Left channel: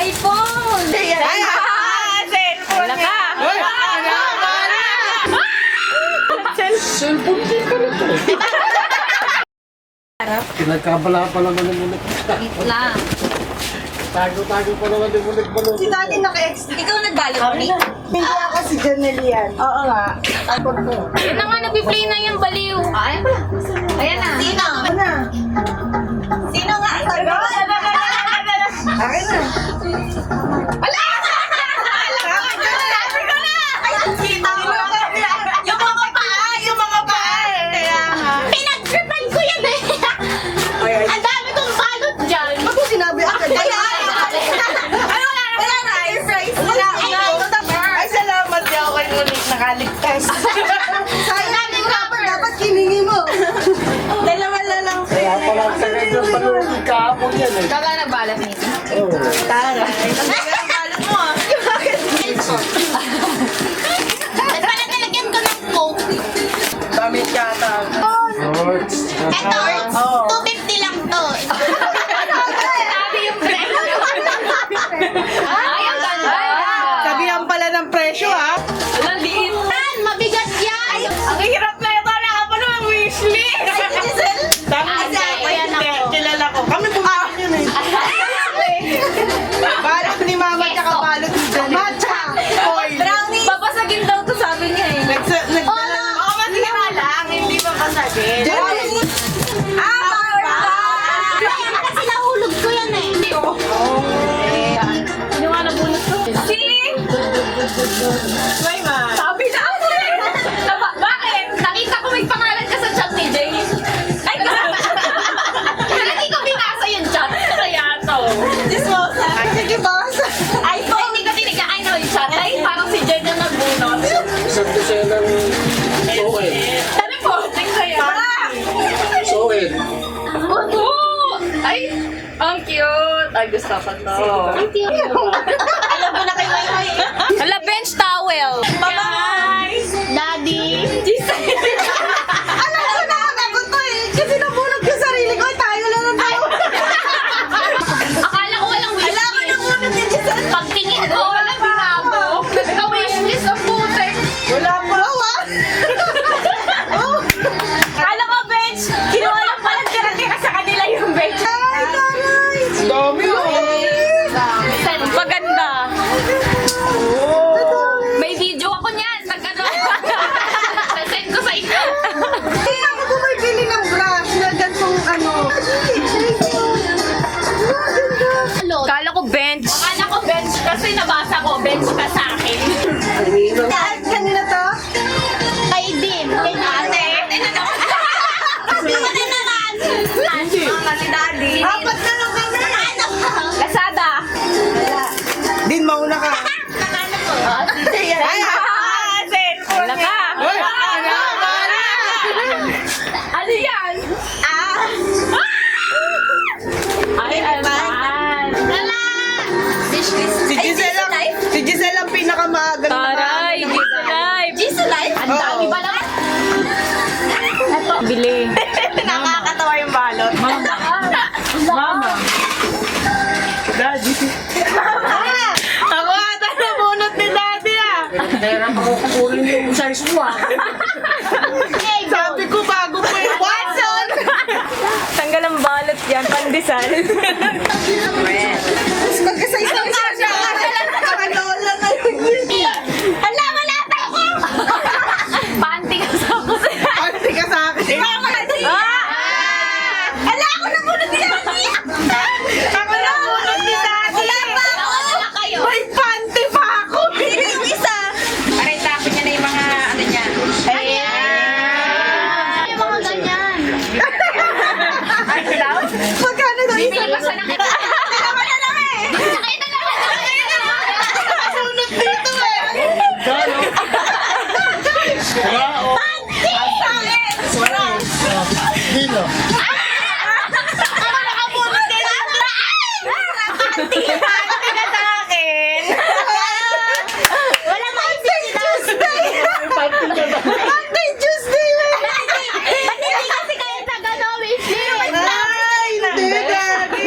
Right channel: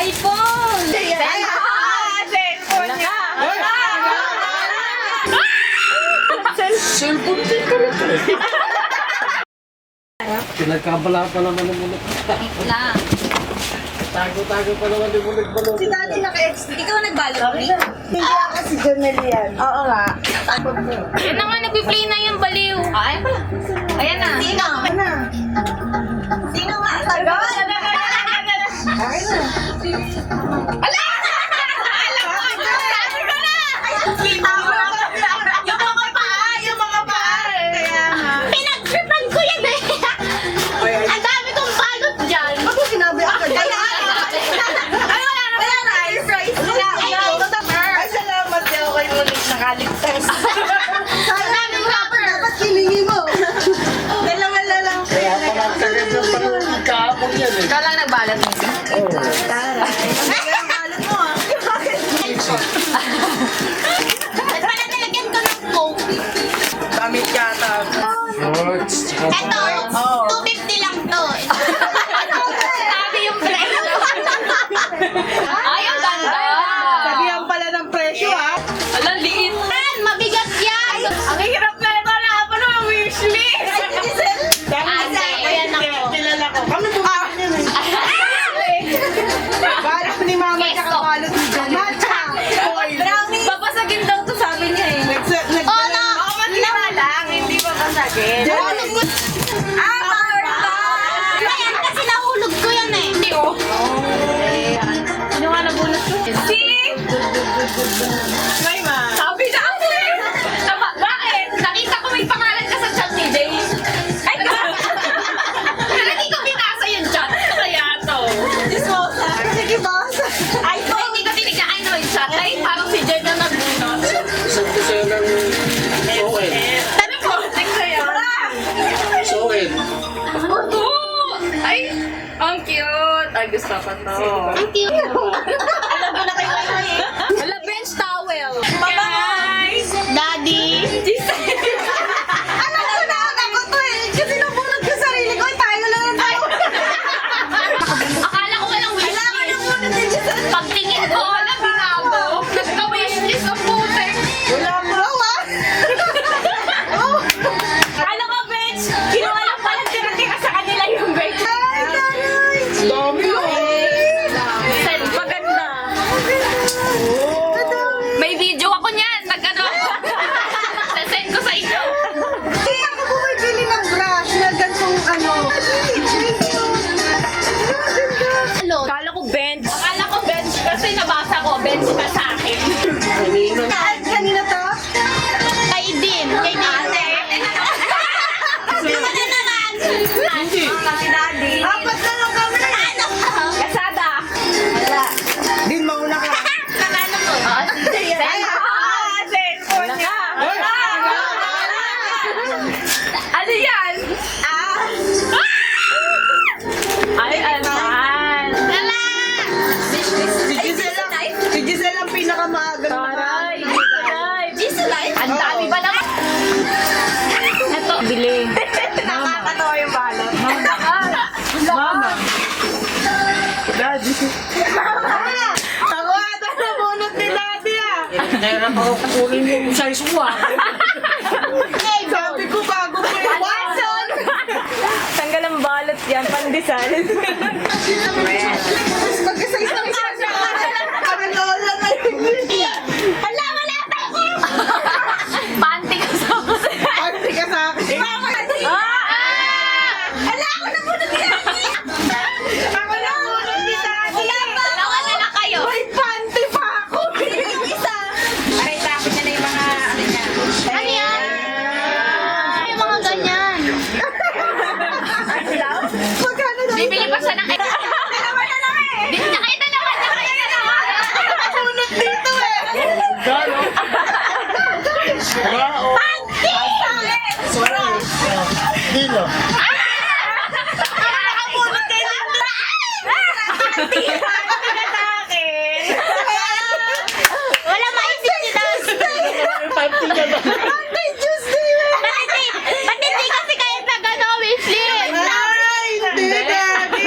iPhone! Wala ka. Cellphone din ka nito eh. Pinagkabala pa naman yung mulit. Lang. Tago-tago pa naman yung mulit-balot. Si Daddy naka-ex. Ikaw nagbalot mo, Nick? Hindi ako si Janelle yan. Oo nga. Takot ko. Yan na nga, nagpi-play na yung baliw. Ayan pala. Ayan na. Sino? Ano na? Sino nga? Sagot? Akin na. Ala! Sabi ko na! Kita mo lang. Yung mga paa! Yung mga paa! Kaya nga. Pinag-tripan ko yan eh! Ang dami kong balot dyan! Ako sinabi ako. Ano wala na? Wala na! Air fries! Wala! Ay, salamat din ako kayo ulit nakaligtas. Marami rapper! Dapat kiningi mo. Dalawa na lang. Kaya pala ang tagal yung panunod kahapon yan eh. Ikaw lang nagbalot mo. Oo. Tara. Ang balot mo ah. At pala nalagyan ko ng Coke. Damit yata. Shorts. Eto, Oo. 250 lang to. Sabi yung presyo. Ay, ang ganda. Sabihan pala ng presyo ah. Alam, liit. Mabigat yan. Ang hirap na ito. Nakapano ang wishlist. Ayan ako. Kilala ko. Kami bumili yun eh. Balot ni Mama tsaka balot ni Janelle. Matcha. Oil. Brownie. Babasagin daw to, sabi niya eh. Oh, no. Oo, matira lang. Hindi pa pasagin. Kaya kasi nahulog ko yan eh. Hindi oh. Sino nga nabunot ko? Si! May ma. Sabi na ako eh! Bakit? Nakita ko may pangalan ka sa chat ni Jay. Ay, pero hindi ko binasa yung chat. Kaya to. Sige, basa. Ay, hindi ko tinignan. Ay, no, yung chat. Ay, parang si Jay na nagbunot. Isang dosenang soen. Ano po? Tingnan Soen. Ay, ang cute. Ay, gusto ko to. Alam mo na kayo ay. Wala, bench towel. Guys! Daddy! Alam ko na ako to eh. Kasi nabunod ko sarili ko. Tayo lang ang tayo. Akala ko walang wishlist. Pagtingin ko, wala binago. Nagka-wishlist ang putek. Wala pa. Akala ko, bench. Kinuha lang pala tira-tira sa kanila yung bench. Ay, taray. Dami oh. Sen, maganda. May video ako niyan. Nag-ano. Sasend ko sa inyo. Hindi ako bumibili ng brush na gantong ano. Akala ko bench. Akala ko bench kasi nabasa ko bench ka sa akin. Kanina to? Kay din. Kay ate. Ano na naman? Hindi. Kasi daddy. Apat na lang kami. Ano? Lazada. Din, mauna ka. Nakano ko? Wala ka. Ano yan? Ay, alman. Wala. Si Giselle ang pinakamaaga na Taray, Gisa Life. Giselle Life? Ang dami ba naman? Ito. Bili. Nakakatawa yung balot. Mama. Daddy. Ako ata nabunot ni Daddy ah. Nahirap ako kukunin yung size mo ah. Sabi ko bago pa yung Watson! Tanggal ang balot yan, pandesal. Mas magkasize na siya. Nakalola na yung Hala, wala pa ako. Panty ka sa Panty ka sa akin. Hala, ako na muna ni Daddy. Ako nabunot ni Daddy. Wala na kayo. May panty pa ako. Yung isa. Pakitapin niya na yung mga ano niya. Ay, mga ganyan. Magkano daw? Bibili pa siya ng Bibili na kayo na lang. Nabunot dito eh. Gano? Wala oh. Dilo. Ako nakabunot din. Wala maintindihan. Panty ka ba? Monday, Tuesday. Ba't hindi kasi kayo nag-ano, wishlist? Ay, hindi, Daddy.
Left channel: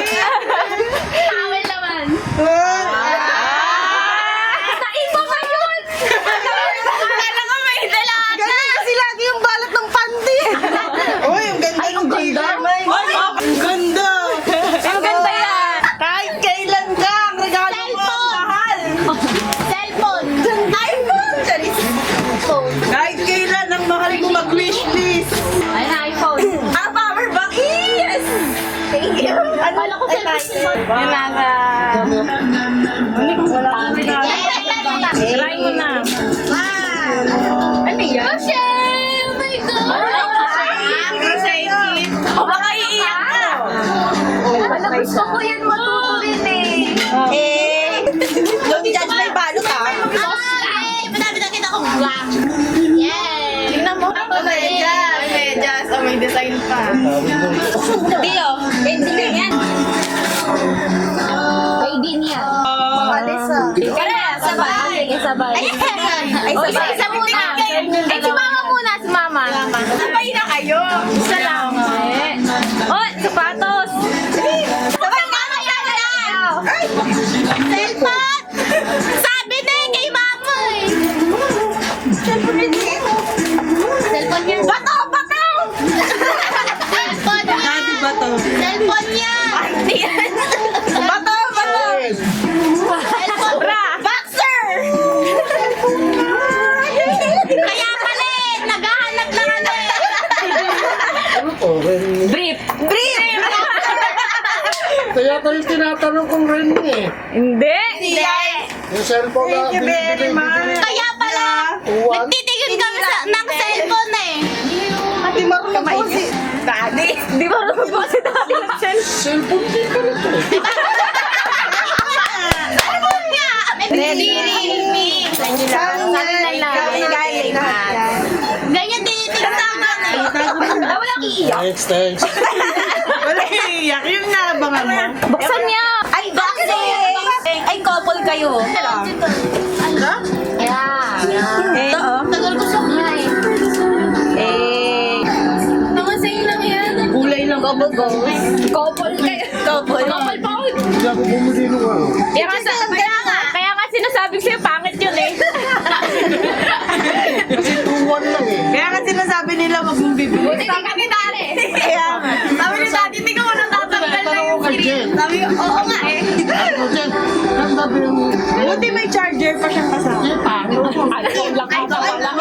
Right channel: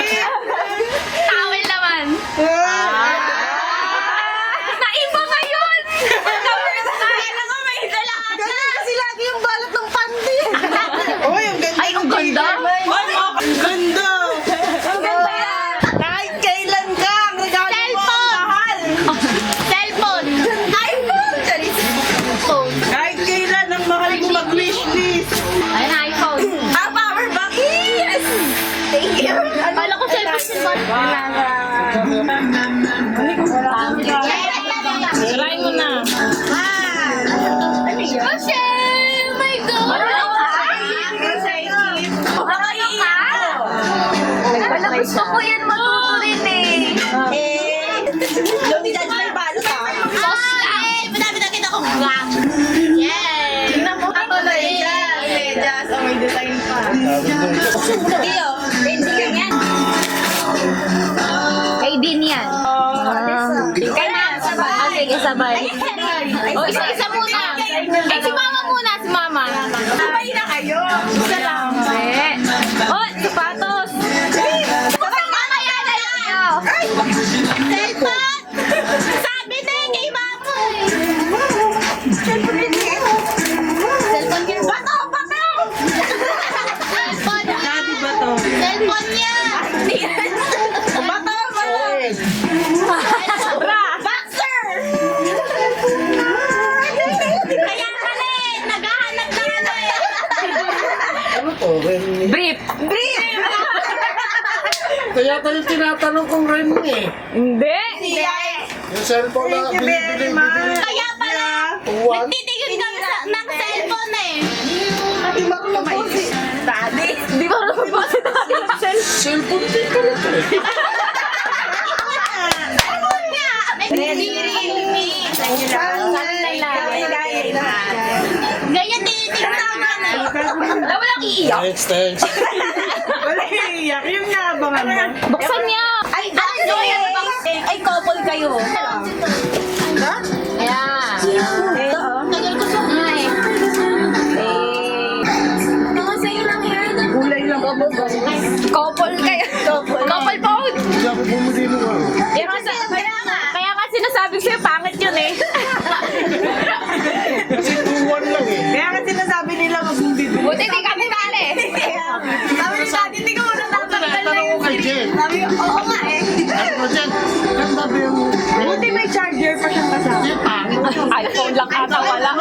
Towel naman. Ah, Try mo na. Rochelle! Oh my God! Baka iiyak ka. Gusto ko yan matutunin eh. Don't judge my balot ha. Madami na kita kong black. Yay! Tingnan mo ako na Medyas. Oh, may design pa. Dio, hindi yan. Kay din yan. Ika na, sabay. Sige, sabay. O, isa-isa muna. Eh, si mama muna, si mama. Sabay na kayo. Isa lang. Oh, sapatos. Sabay mama yan lang. Ay! Cellphone! Sabi na eh, kay mama eh. Cellphone din eh. Cellphone niya. Bato! Bato! Cellphone niya. Daddy ba to? Cellphone niya. Bato! Bato! Bra. Boxer! Kaya pala eh, naghahanap na ano eh. Ano to? Ren? Brief. Brief! Kaya tayo tinatanong kung Ren eh. Hindi. Yung cellphone na Thank you very much. Kaya pala, Uwan. nagtitigil kami ng cellphone eh. Di marunong po si Daddy. Di ba naman po si Daddy ng cellphone? Cellphone din ka rin eh. Cellphone niya. Realme. Sabi na lang. Ganyan tinitignan naman eh. Walang iiyak. Thanks. Wala iiyak. Yung naabangan mo. Buksan niya. Ay, boxer! Ay, couple kayo. Ha? Yeah. Tagal ko siya kumain. Mga sa'yo lang yan. Kulay lang. Couple kayo. Couple phone. Hindi ako bumili nung ano. Kaya nga sinasabi ko sa'yo, pangit yun eh. Kasi 2-1 lang eh. Kaya nga sinasabi nila wag mong bibili. Buti di kami tali. Sabi ni Daddy, hindi ka walang Tinatanong ko kay Jen. Sabi ko, oo nga eh. Ano Jen? Ganda ba yung Buti may charger pa siyang kasama. Hindi, pangit. iPhone lang ata, wala.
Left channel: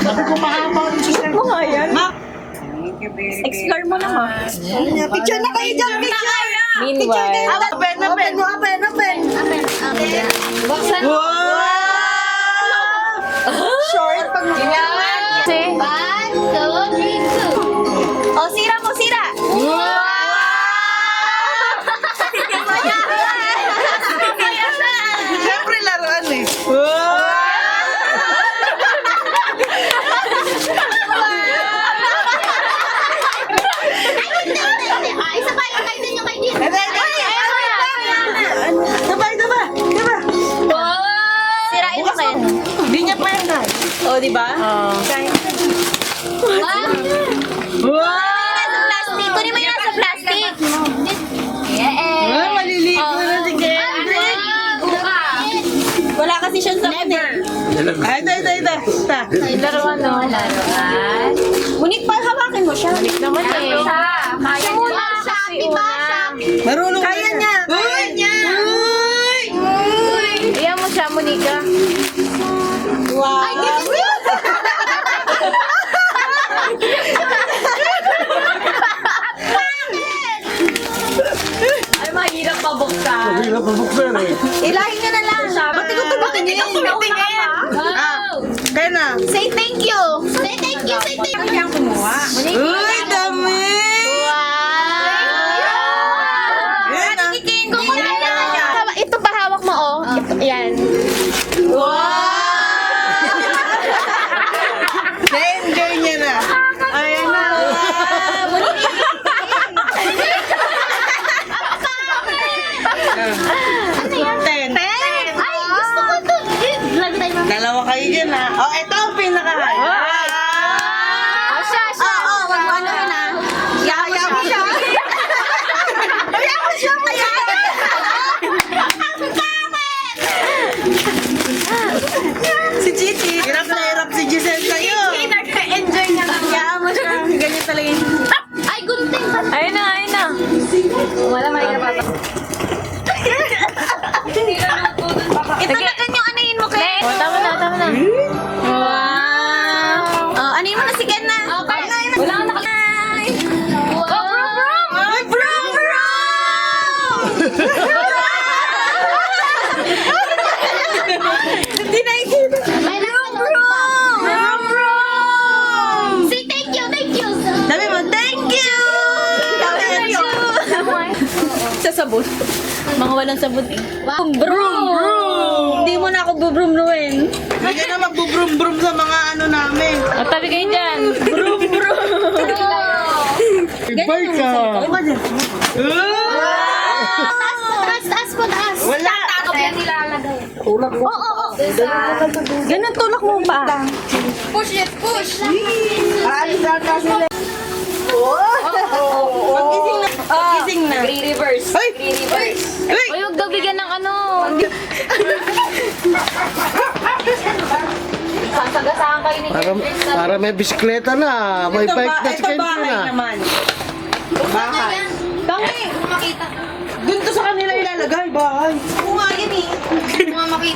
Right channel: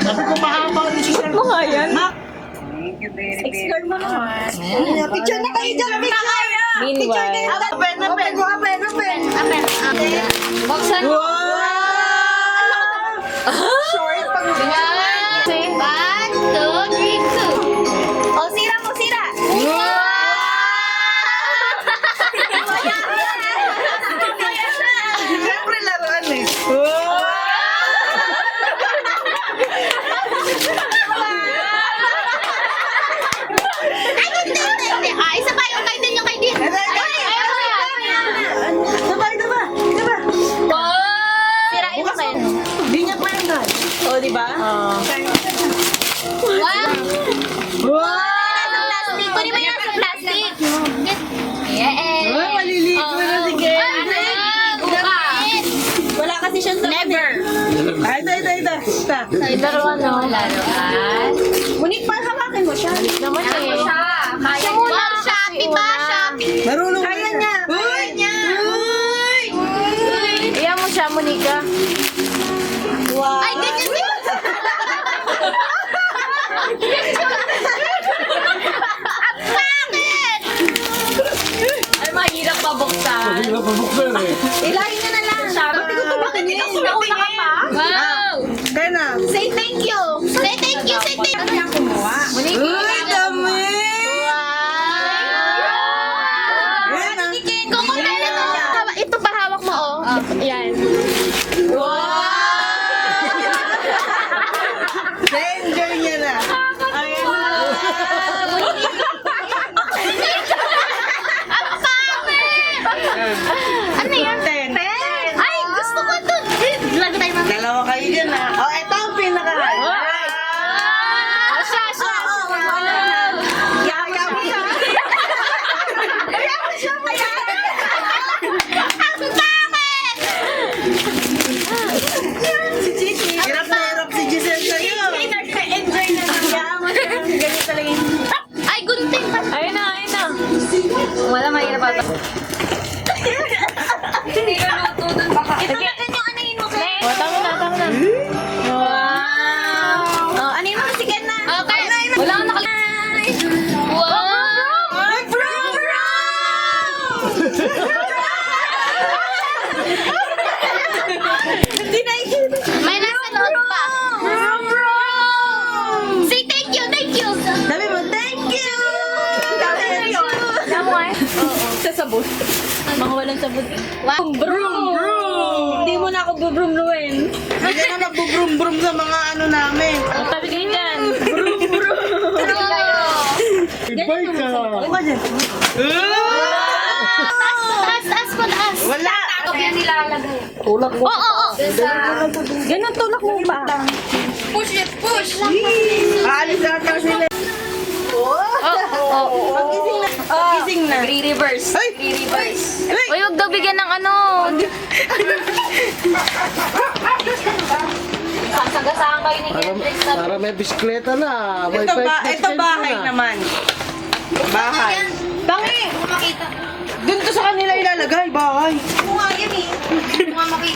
Sabi ko mahaba yung sister. Ano nga yan? Explore mo naman. Picture na kayo dyan, picture! Meanwhile. Open mo, open. Buksan mo. Short pag Kasi, 1, 2, 3, 2. Oh, sira mo, sira! Siyempre laruan eh. Ay, isa pa yung kay din yung kay din. Diba? Sirain mo kayo. Di niya pa yung guys. oh, di ba? Nasa plastic. Kunin mo yung nasa plastic. Yeah. Maliliit mo na, sige. Wala kasi siya sa never. Ay, ito. Laruan, no? Laruan. Munit pa, hawakin mo siya. Naman eh. Kaya muna. Shopee ba? Shopee. Marunong kaya niya. Kaya niya. Iyan mo siya, Monica. Ay, ganyan yun. Ay, mahirap pabuksan. Hindi na pabuksan eh. Ilahin niya na lang. Ba't ikaw tumatingin? Nauna ka pa. Wow. Kaya na. Say thank you. Say thank you. Say thank you. Uy, dami! Wow. Yan ah. Kukunin na lang. Ito pa hawak mo, oh. Yan. Wow! Na-enjoy niya na. Ayan na. Ano yan? 10. Ay, gusto ko to. Lagi tayo mga. Dalawa kayo dyan ah. Oh, ito ang pinaka-high. Oh, siya. Oo, wag mo ano na. Yaya mo siya. Yaya mo siya. Si Chichi. Hirap na hirap si Giselle sa'yo. Enjoy na lang. Yaya mo siya. Ganyan talaga yung... Ay, gunting pa. Ayun na, ayun na. Wala mahirap pa. Ito Ito na yung ano yun mo kay. Oh, tama na. Oh. sabon. Mga walang sabon. Wow. Brum! Hindi mo na ako bubrumluin. Hindi ka na magbubrum-brum sa mga ano namin. Matabi kayo dyan. Ibay ka. Taas po, taas. Wala. Takap yan nilalagay. Tulak mo. Ganun tulak mo pa. Push it, push. Aalis na kasi nila. Gising na. Re-reverse. Ay! Re-reverse. Uy, huwag daw bigyan ng ano. Sasagasaan kayo ni Jeffrey sa... Para may bisikleta na. May Ito, bike na ito bahay na. naman. Bahay. Yan. Tangi! Kung makita. Doon to sa kanila ilalagay, bahay. Kung nga yan eh. Kung nga makita.